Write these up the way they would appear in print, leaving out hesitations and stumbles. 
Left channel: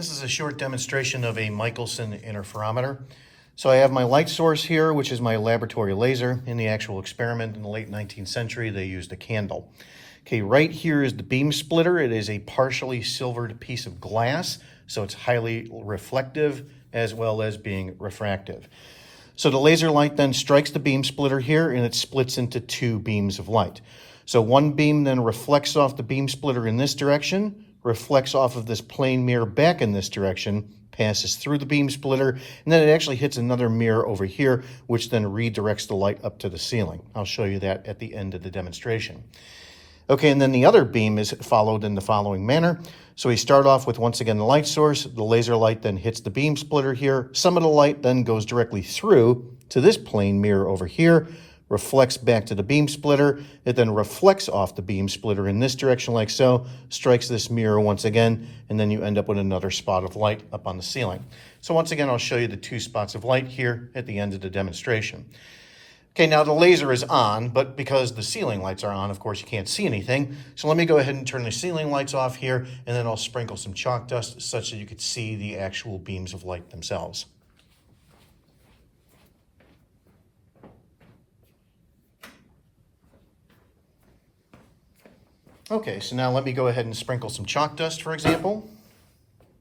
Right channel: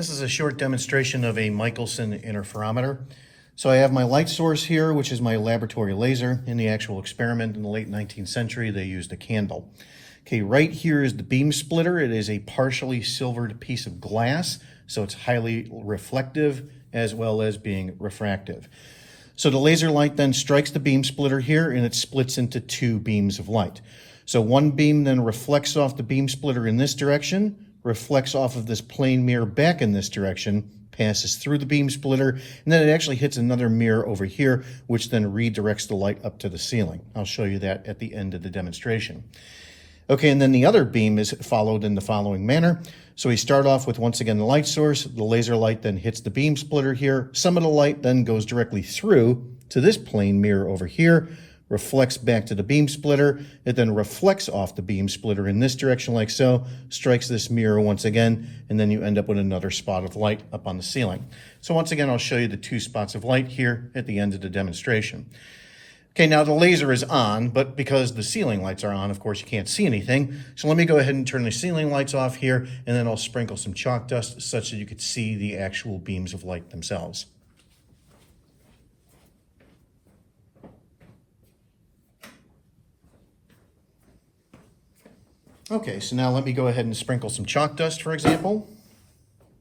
This is a short demonstration of a Michelson interferometer. So I have my light source here, which is my laboratory laser. In the actual experiment in the late 19th century, they used a candle. Okay, right here is the beam splitter. It is a partially silvered piece of glass, so it's highly reflective as well as being refractive. So the laser light then strikes the beam splitter here, and it splits into two beams of light. So one beam then reflects off the beam splitter in this direction, reflects off of this plane mirror back in this direction, passes through the beam splitter, and then it actually hits another mirror over here, which then redirects the light up to the ceiling. I'll show you that at the end of the demonstration. Okay, and then the other beam is followed in the following manner. So we start off with, once again, the light source. The laser light then hits the beam splitter here. Some of the light then goes directly through to this plane mirror over here, reflects back to the beam splitter. It then reflects off the beam splitter in this direction like so, strikes this mirror once again, and then you end up with another spot of light up on the ceiling. So once again, I'll show you the two spots of light here at the end of the demonstration. Okay, now the laser is on, but because the ceiling lights are on, of course, you can't see anything. So let me go ahead and turn the ceiling lights off here, and then I'll sprinkle some chalk dust such that you could see the actual beams of light themselves. Okay, so now let me go ahead and sprinkle some chalk dust, for example,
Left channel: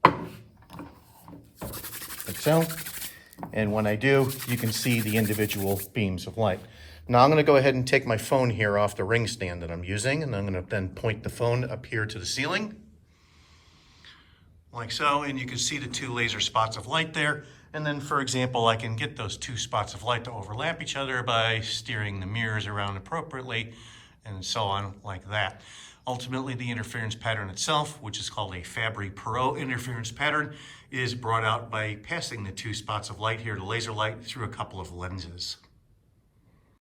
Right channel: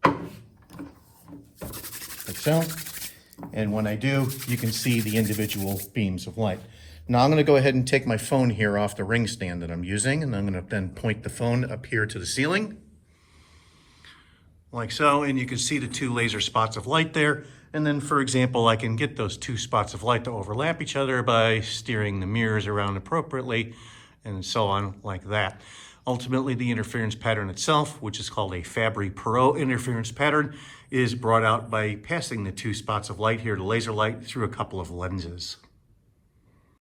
like so. And when I do, you can see the individual beams of light. Now I'm going to go ahead and take my phone here off the ring stand that I'm using, and I'm going to then point the phone up here to the ceiling, like so, and you can see the two laser spots of light there. And then, for example, I can get those two spots of light to overlap each other by steering the mirrors around appropriately, and so on, like that. Ultimately, the interference pattern itself, which is called a Fabry-Perot interference pattern, is brought out by passing the two spots of light here, the laser light, through a couple of lenses.